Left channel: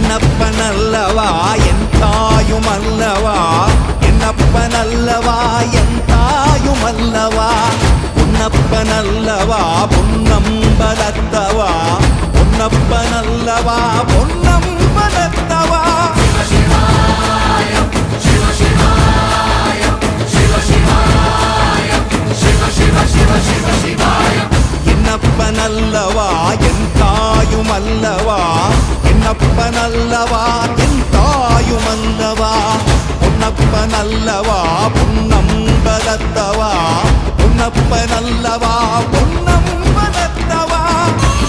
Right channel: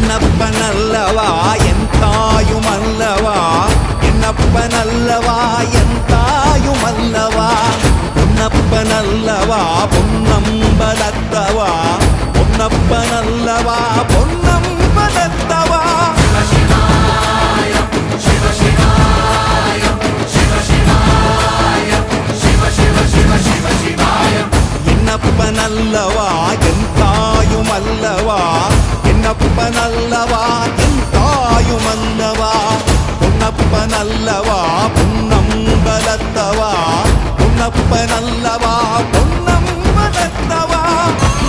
என்னப்பனல்லவா என் தாயுமல்லவா, என்னப்பனல்லவா என் தாயுமல்லவா, பொன்னப்பனல்லவா பொன்னம்பலத்தவா, பொன்னப்பனல்லவா பொன்னம்பலத்தவா. என்னப்பனல்லவா என் தாயுமல்லவா, என்னப்பனல்லவா என் தாயுமல்லவா, பொன்னப்பனல்லவா பொன்னம்பலத்தவா, பொன்னப்பனல்லவா பொன்னம்பலத்தவா.